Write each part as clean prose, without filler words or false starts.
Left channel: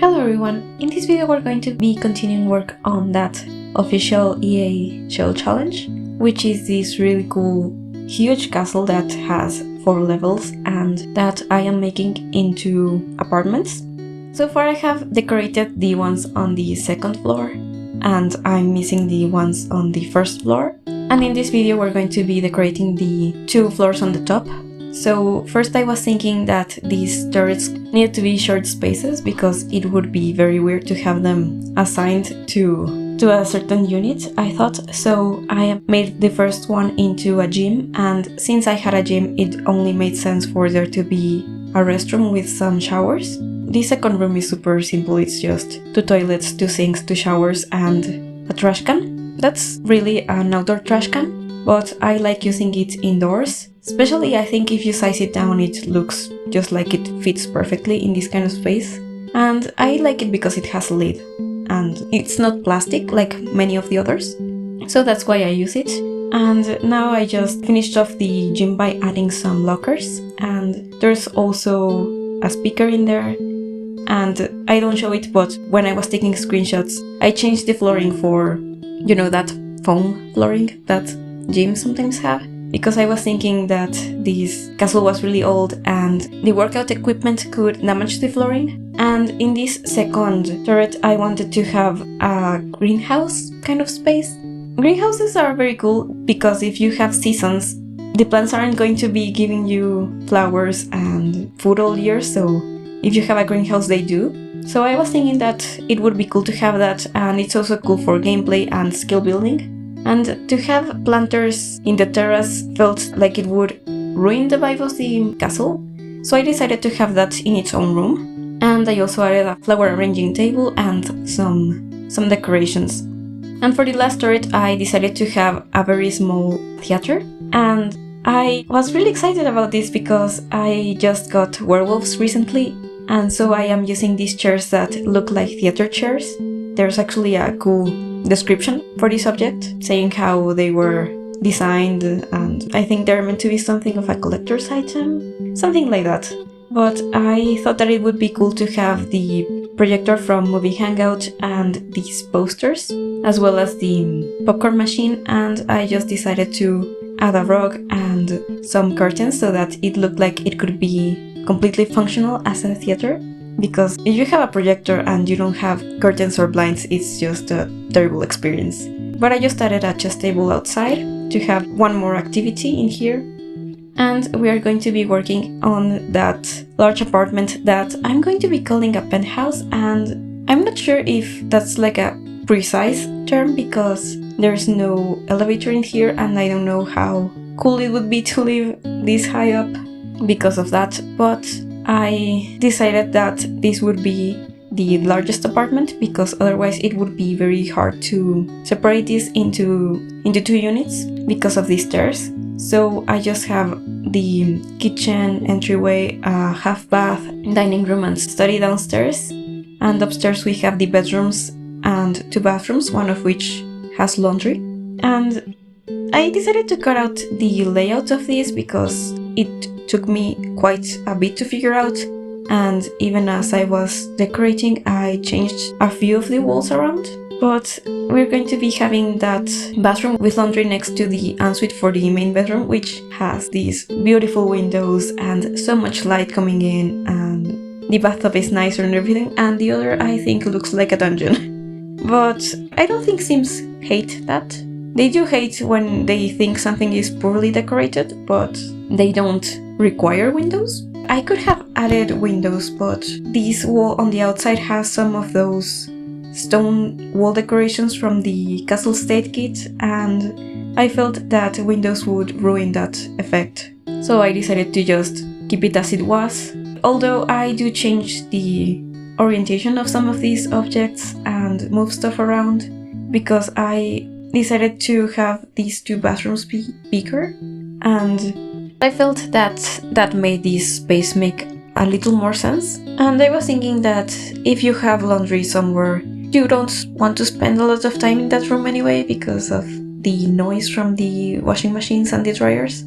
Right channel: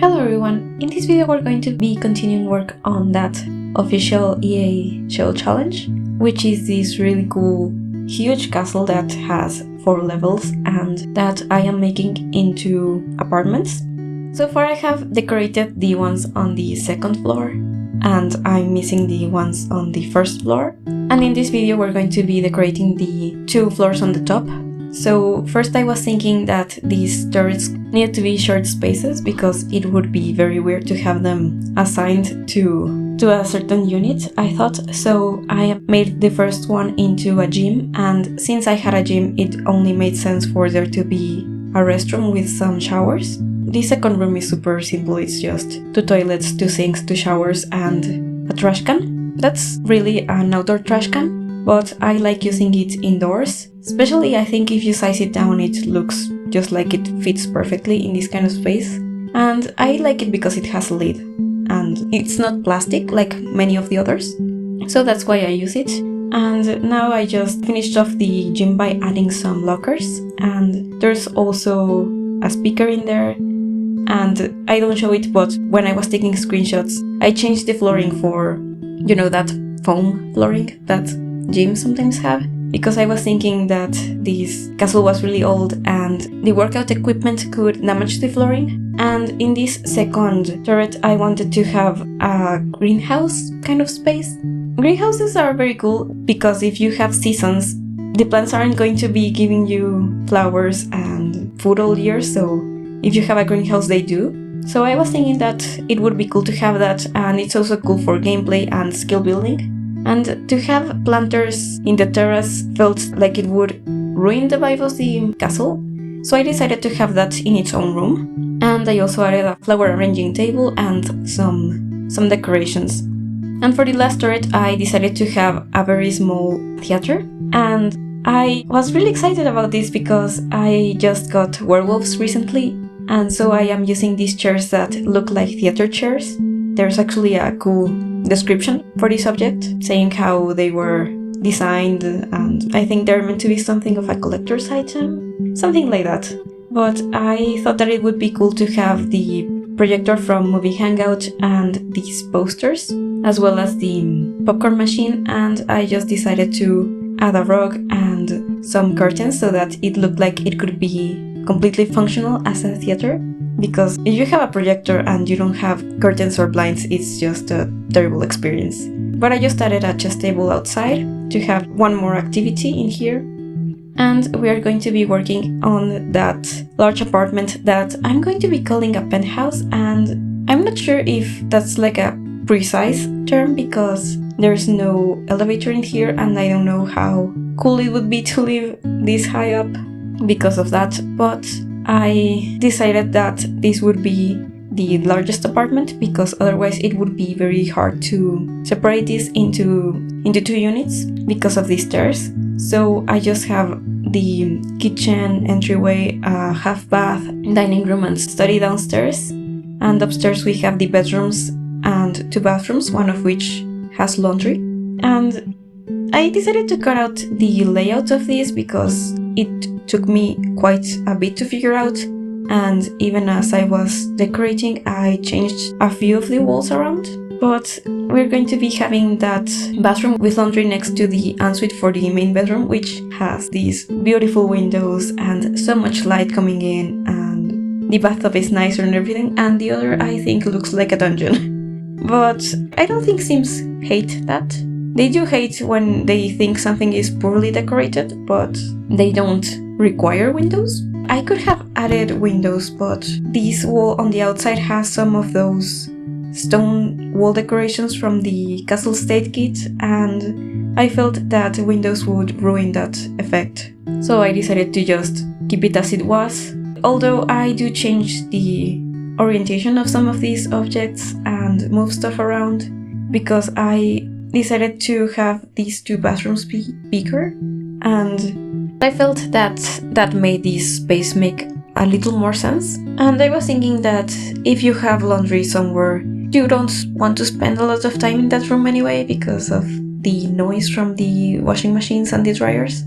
Hello everyone, in this video we're going to be continuing work on that official EA Shell Challenge, which is this really cool huge castle that has 4 levels and that I am making into apartments. So far I have decorated the ones on the 2nd floor and I'm missing the ones on the 1st floor. And in this video we're going to be decorating the 2 floors on the top. So first I was thinking that these turrets needed to be shared spaces because it would be very weird to have them assigned to a certain unit, I thought. So I made the first one into a gym, and since I had a gym it only made sense for there to be a restroom with some showers. The second room is super simple, it's just 2 toilets, 2 sinks, 2 showers and a trash can. That's really an outdoor trash can, but I like using it indoors. Especially I think if you size it down it looks just like it fits perfectly in this kind of space. And I like it because it has a lid and it's not plastic like many of the others. So that's why I use it. And now I just finished off the gym by adding some lockers, and there's also a speaker in there. And I don't show it, but when I was taking screenshots I changed the flooring for, you know, that foam flooring that gyms sometimes have, because I was thinking that this castle was really old and the workout equipment could damage the flooring. And in this second turret I wanted to have a greenhouse kind of space. Greenhouses are very cool because if you have seasons, the plants aren't going to be giving you flowers and food all year, so if you have a greenhouse they do. So I was thinking that it would be cool to have that, and it's also cool for gameplay and skill building. And to have planters in the terrace felt like it would ruin the vibe of the castle, so I decided to have that in its own room. And I also added a flower arranging table and some decorations. And for the last turret I decided to have a very small theater, and I was really excited about this because I just got werewolves recently, and so I am using these chairs that look like theater chairs. There's actually a cool description for this object saying how they were designed, and I think they're meant to be something of a collector's item, something like that. But I thought that it would be cool to have the projector from Movie Hangout and these posters, as well as the popcorn machine, and I just decided to add a rug and some curtains so that it looked like it could be completely functional as a theater. Because if you have a projector and you don't have curtains or blinds, it's just a terrible experience. But I just added a chess table outside to have one more activity in here. And we are going to be working on that large apartment that I'm going to be calling a penthouse, and I'm not sure if that's like a precise term because there's no elevator in here and I don't know how cool it would be to live this high up because of that, but I decided that this would be the largest apartment because otherwise it would be very hard to separate this into 2 units because of these stairs. So I just have the kitchen, entryway, a half bath, dining room and study downstairs, and upstairs we have the bedrooms and 2 bathrooms, one of which has laundry. And I decided to cut out the layout of this because it took me quite a bit to figure out, and even as I was decorating I changed a few of the walls around. But we're going to be having that bathroom with laundry next to the ensuite for the main bedroom, which has these beautiful windows and so much light coming in, and the bathtub is nicer and everything, and the other I think looks like a dungeon. But I don't think Sims hate that. They do hate when they think something is poorly decorated, but they don't require windows. I could have added windows, but this wall on the outside has some of those stone wall decorations from the Castle State kit, and I felt that windows would ruin that effect. So I decided to just keep it as it was, although I do change the orientation of some of these objects and move stuff around because I decided to have these 2 bathrooms be bigger, and I felt that made this space make a little more sense. And I was thinking that if you have laundry somewhere, you don't want to spend a lot of time in that room anyway because of the noise from the washing machines and the dryers.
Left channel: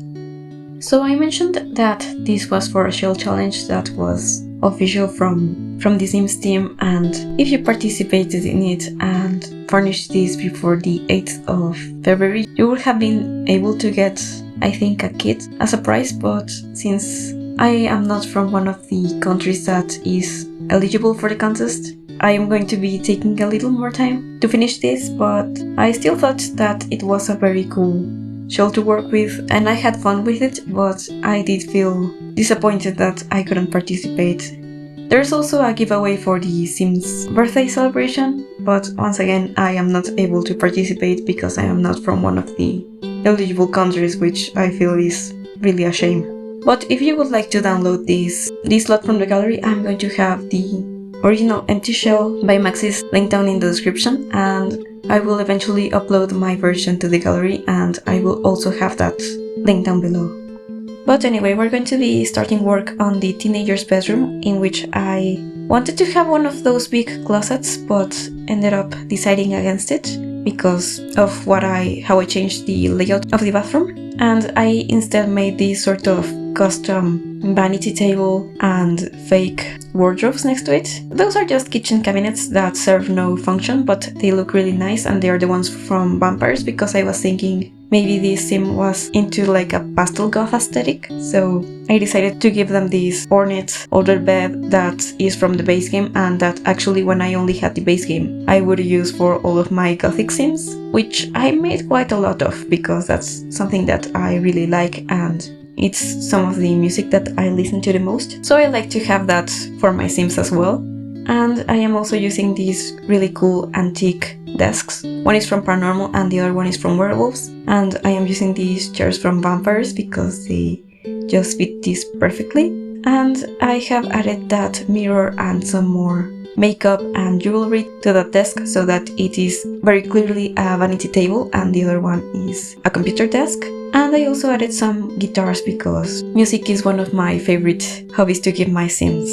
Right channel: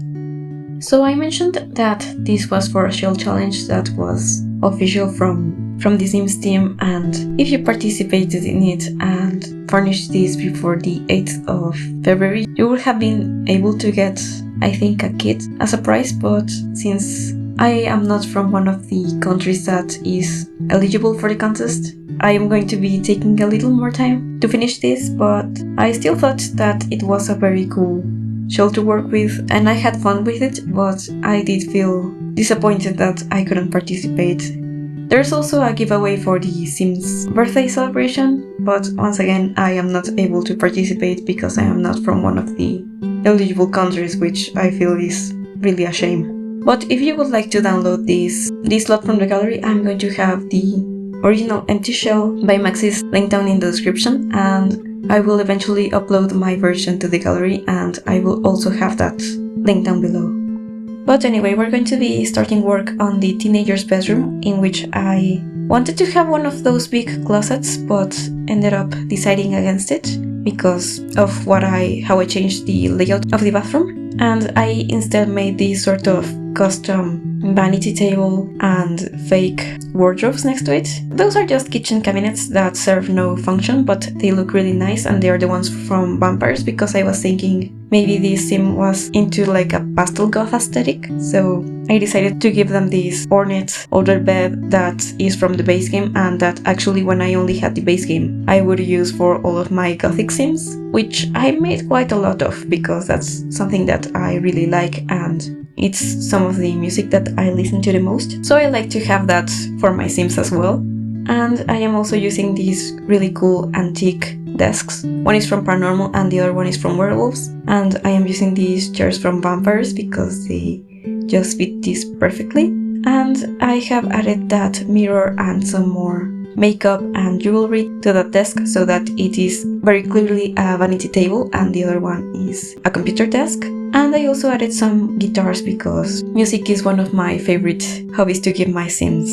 So I mentioned that this was for a shell challenge that was official from from the Sims team, and if you participated in it and furnished this before the 8th of February, you would have been able to get, I think, a kit as a prize, but since I am not from one of the countries that is eligible for the contest, I am going to be taking a little more time to finish this, but I still thought that it was a very cool shell to work with, and I had fun with it, but I did feel disappointed that I couldn't participate. There's also a giveaway for the Sims birthday celebration, but once again I am not able to participate because I am not from one of the eligible countries, which I feel is really a shame. But if you would like to download this slot from the gallery, I'm going to have the original empty shell by Maxis linked down in the description, and I will eventually upload my version to the gallery, and I will also have that linked down below. But anyway, we're going to be starting work on the teenager's bedroom, in which I wanted to have one of those big closets, but ended up deciding against it because of how I changed the layout of the bathroom, and I instead made this sort of custom vanity table and fake wardrobes next to it. Those are just kitchen cabinets that serve no function, but they look really nice, and they are the ones from Vampires, because I was thinking maybe this sim was into like a pastel goth aesthetic, so I decided to give them this ornate older bed that is from the base game, and that actually when I only had the base game I would use for all of my gothic sims, which I made quite a lot of because that's something that I really like, and it's some of the music that I listen to the most, so I like to have that for my sims as well. And I am also using these really cool antique desks. One is from Paranormal and the other one is from Werewolves, and I am using these chairs from Vampires because they just fit this perfectly. And I have added that mirror and some more makeup and jewelry to that desk so that it is very clearly a vanity table and the other one is a computer desk. And I also added some guitars because music is one of my favorite hobbies to give my sims.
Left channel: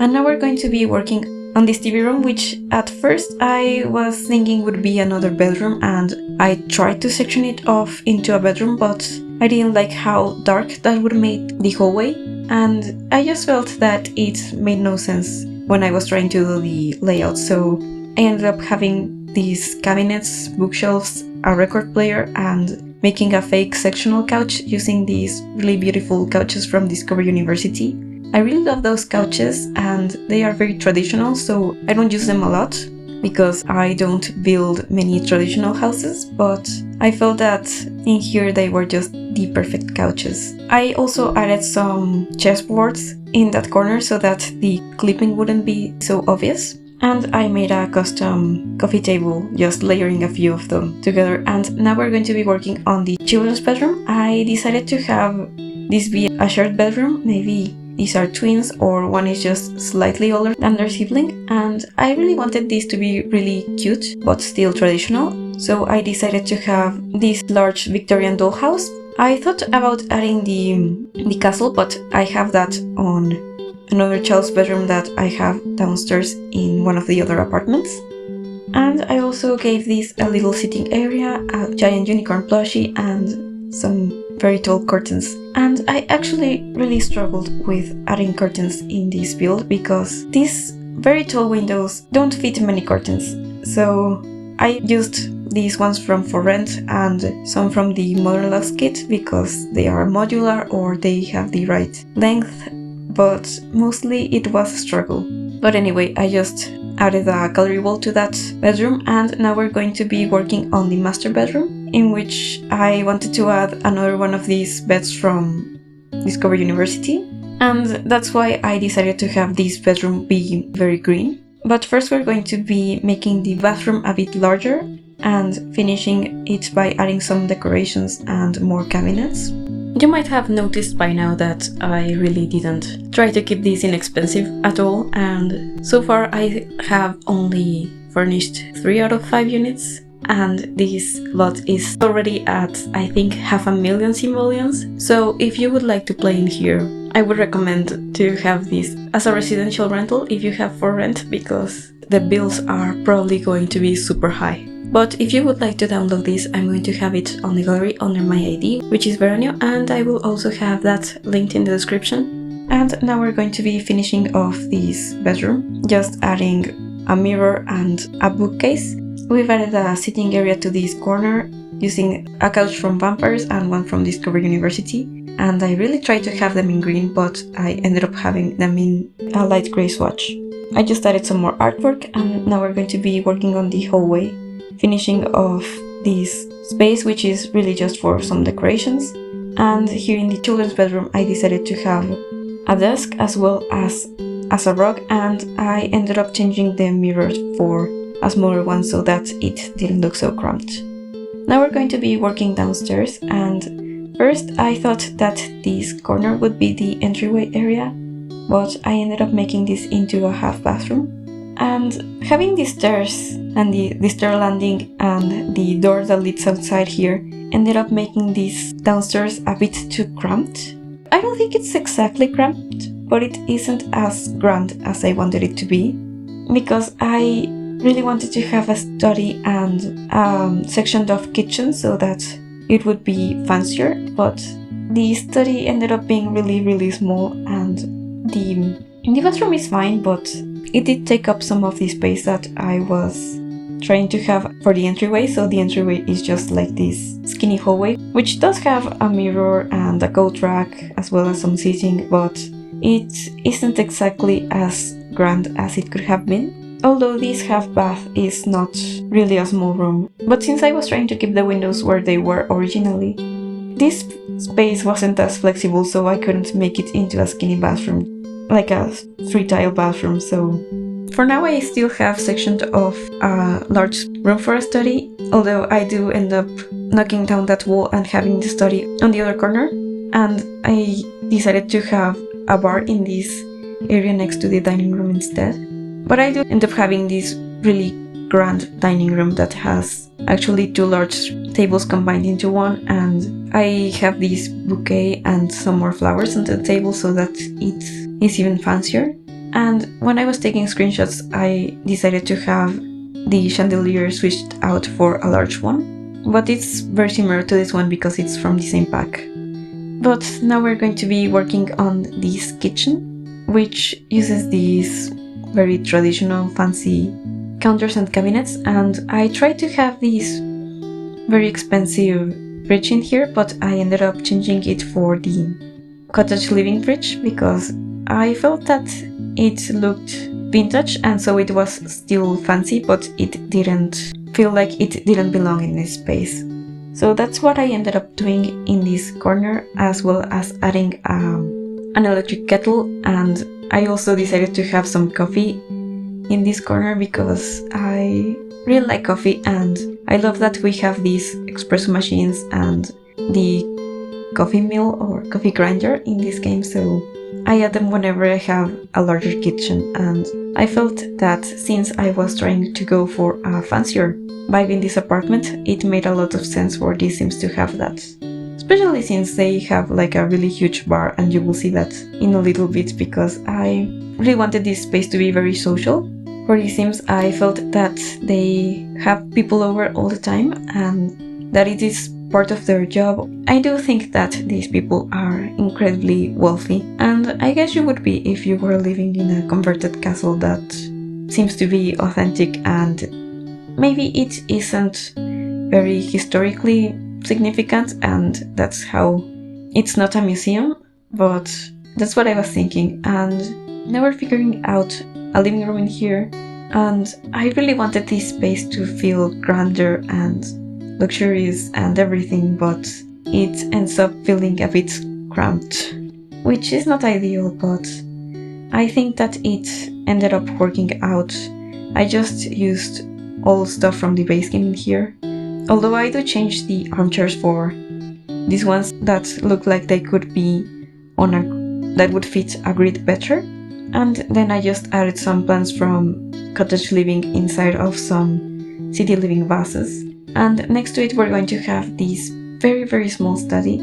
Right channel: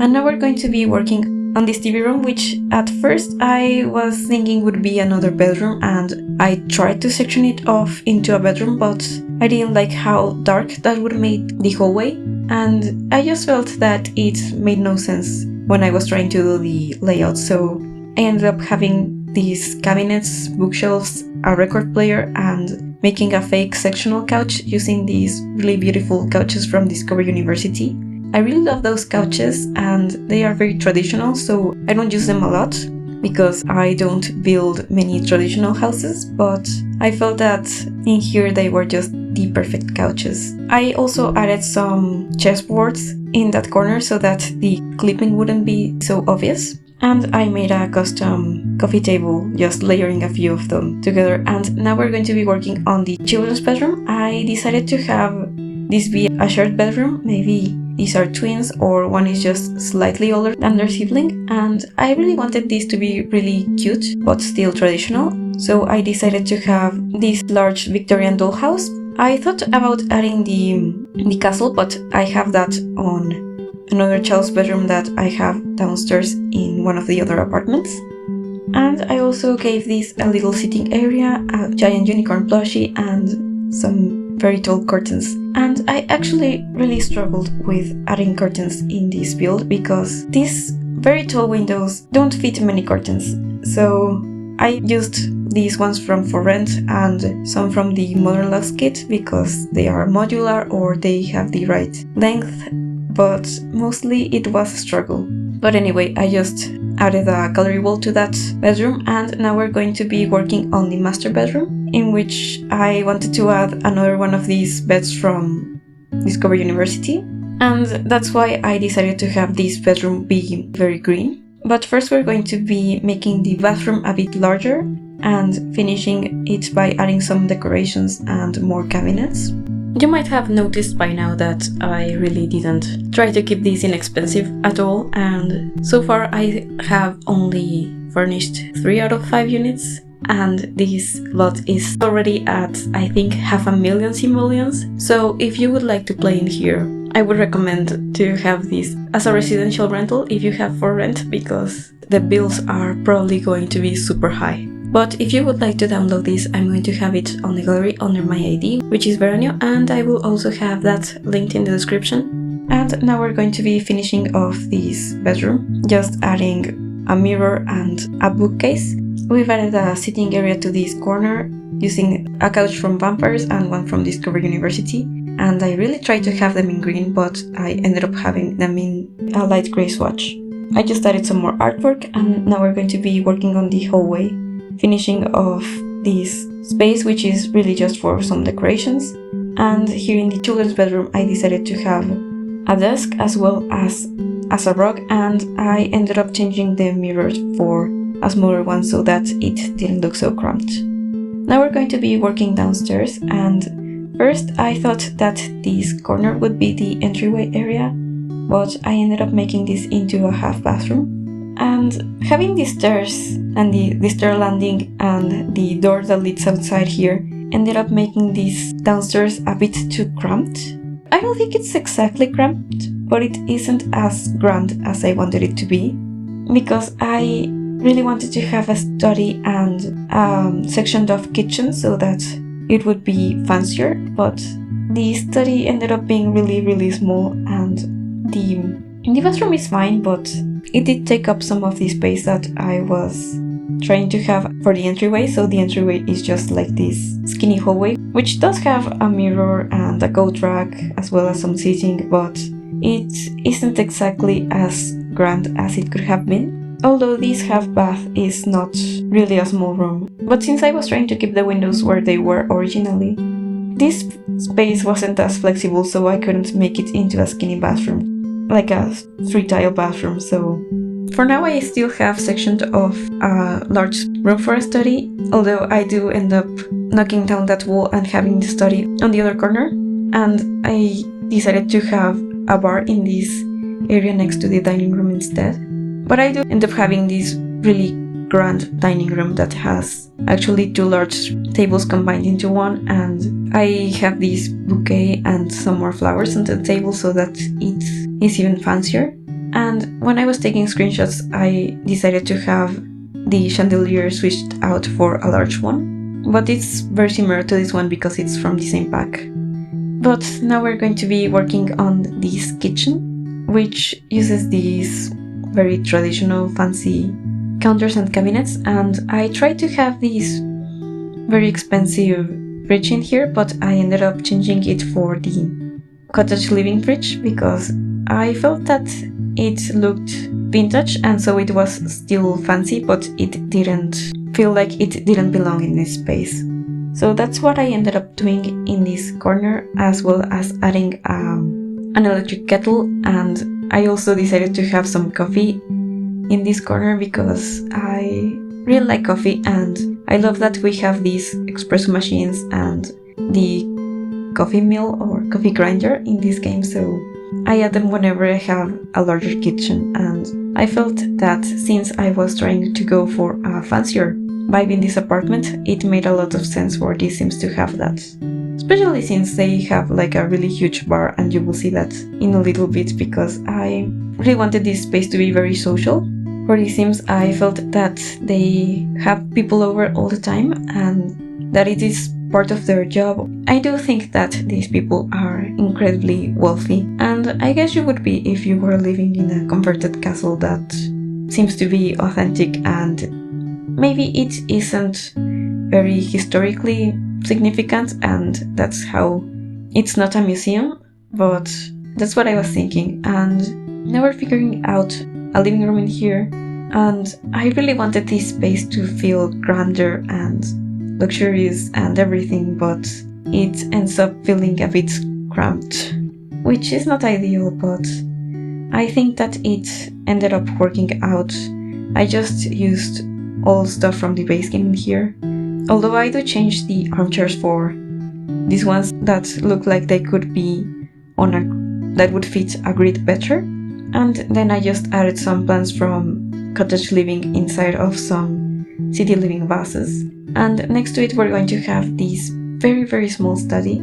And now we're going to be working on this TV room, which at first I was thinking would be another bedroom, and I tried to section it off into a bedroom, but I didn't like how dark that would make the hallway, and I just felt that it made no sense when I was trying to do the layout, so I ended up having these cabinets, bookshelves, a record player, and making a fake sectional couch using these really beautiful couches from Discover University. I really love those couches, and they are very traditional, so I don't use them a lot because I don't build many traditional houses, but I felt that in here they were just the perfect couches. I also added some chessboards in that corner so that the clipping wouldn't be so obvious. And I made a custom coffee table, just layering a few of them together. And now we're going to be working on the children's bedroom. I decided to have this be a shared bedroom. Maybe these are twins, or one is just slightly older than their sibling. And I really wanted this to be really cute, but still traditional. So I decided to have this large Victorian dollhouse. I thought about adding the castle, but I have that on another child's bedroom that I have downstairs in one of the other apartments. And I also gave this a little sitting area, a giant unicorn plushie, and some very tall curtains. And I actually really struggled with adding curtains in this build because these very tall windows don't fit many curtains. So I used these ones from For Rent and some from the Modern Lux kit because they are modular or they have the right length, but mostly it was a struggle. But anyway, I just added a gallery wall to that bedroom, and now we're going to be working on the master bedroom, in which I wanted to add another one of these beds from Discover University, and that's why I decided to have this bedroom be very green. But first we're going to be making the bathroom a bit larger and finishing it by adding some decorations and more cabinets. You might have noticed by now that I really didn't try to keep this inexpensive at all, and so far I have only furnished 3 out of 5 units, and this lot is already at, I think, 500,000 simoleons. So if you would like to play in here, I would recommend to have this as a residential rental if you have For Rent, because the bills are probably going to be super high. But if you would like to download this, I'm going to have it on the gallery under my ID, which is Veranio, and I will also have that linked in the description. And now we're going to be finishing off this bedroom, just adding a mirror and a bookcase. We've added a sitting area to this corner using a couch from Vampires and one from Discovery University. And I really tried to have them in green, but I ended up having them in a light grey swatch. I just added some more artwork, and now we're going to be working on the hallway, finishing off this space, which is really just for some decorations. And here in the children's bedroom, I decided to have a desk as well as a rug, and I ended up changing the mirrors for a smaller one so that it didn't look so cramped. Now we're going to be working downstairs, and first I thought that this corner would be the entryway area, but I ended up making this into a half bathroom. And having the stairs and the stair landing and the door that leads outside here ended up making this downstairs a bit too cramped. I don't think it's exactly cramped, but it isn't as grand as I wanted it to be, because I really wanted to have a study and sectioned off kitchen so that it would be fancier, but the study ended up being really small, and the bathroom is fine, but it did take up some of the space that I was trying to have for the entryway. So the entryway is just like this skinny hallway, which does have a mirror and a coat rack as well as some seating, but it isn't exactly as grand as it could have been. Although this half bath is not really a small room, but since I was trying to keep the windows where they were originally, this space wasn't as flexible, so I couldn't make it into a skinny bathroom, like a 3-tile bathroom. So for now I still have sectioned off a large room for a study, although I do end up knocking down that wall and having the study on the other corner, and I decided to have a bar in this area next to the dining room instead. But I do end up having this really grand dining room that has actually 2 large tables combined into one, and I have this bouquet and some more flowers on the table so that it is even fancier. And when I was taking screenshots, I decided to have the chandelier switched out for a large one, but it's very similar to this one because it's from the same pack. But now we're going to be working on this kitchen, which uses these very traditional fancy counters and cabinets, and I tried to have this very expensive fridge in here, but I ended up changing it for the cottage living fridge because I felt that it looked vintage, and so it was still fancy, but it didn't feel like it didn't belong in this space. So that's what I ended up doing in this corner, as well as adding an electric kettle, and I also decided to have some coffee in this corner because I really like coffee, and I love that we have these espresso machines and the coffee mill or coffee grinder in this game, so I add them whenever I have a larger kitchen. And I felt that since I was trying to go for a fancier vibe in this apartment, it made a lot of sense for these Sims to have that. Especially since they have like a really huge bar, and you will see that in a little bit, because I really wanted this space to be very social. For the Sims, I felt that they have people over all the time and that it is part of their job. I do think that these people are incredibly wealthy, and I guess you would be if you were living in a converted castle that seems to be authentic, and maybe it isn't very historically significant, and that's how it's not a museum, but that's what I was thinking. And now we're figuring out a living room in here, and I really wanted this space to feel grander and luxurious and everything, but it ends up feeling a bit cramped, which is not ideal, but I think that it ended up working out. I just used all stuff from the base game in here, although I do change the armchairs for these ones that look like they could be on that would fit a grid better. And then I just added some plants from cottage living inside of some city living vases. And next to it we're going to have this very small study.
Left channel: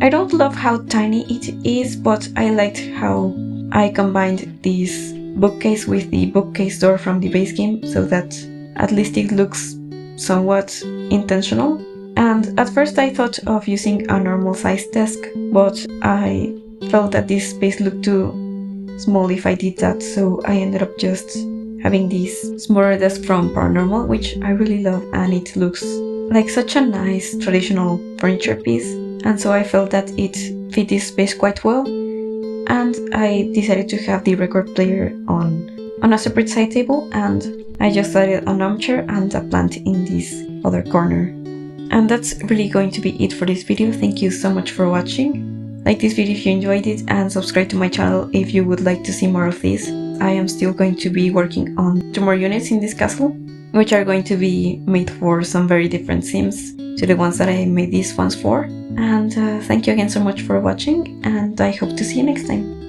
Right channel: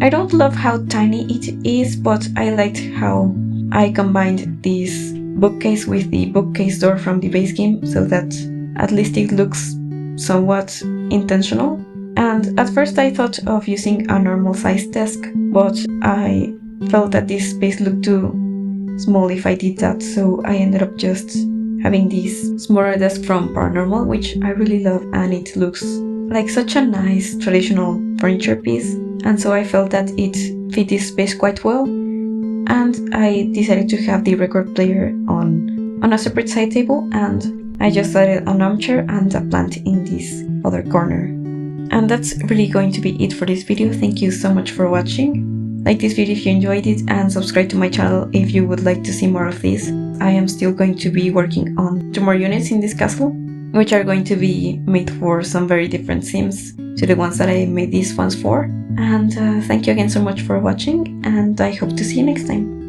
I don't love how tiny it is, but I liked how I combined this bookcase with the bookcase door from the base game, so that at least it looks somewhat intentional. And at first I thought of using a normal size desk, but I felt that this space looked too small if I did that, so I ended up just having this smaller desk from Paranormal, which I really love, and it looks like such a nice traditional furniture piece, and so I felt that it fit this space quite well, and I decided to have the record player on a separate side table, and I just added an armchair and a plant in this other corner. And that's really going to be it for this video. Thank you so much for watching. Like this video if you enjoyed it, and subscribe to my channel if you would like to see more of this. I am still going to be working on 2 more units in this castle, which are going to be made for some very different themes to the ones that I made these ones for. And thank you again so much for watching, and I hope to see you next time.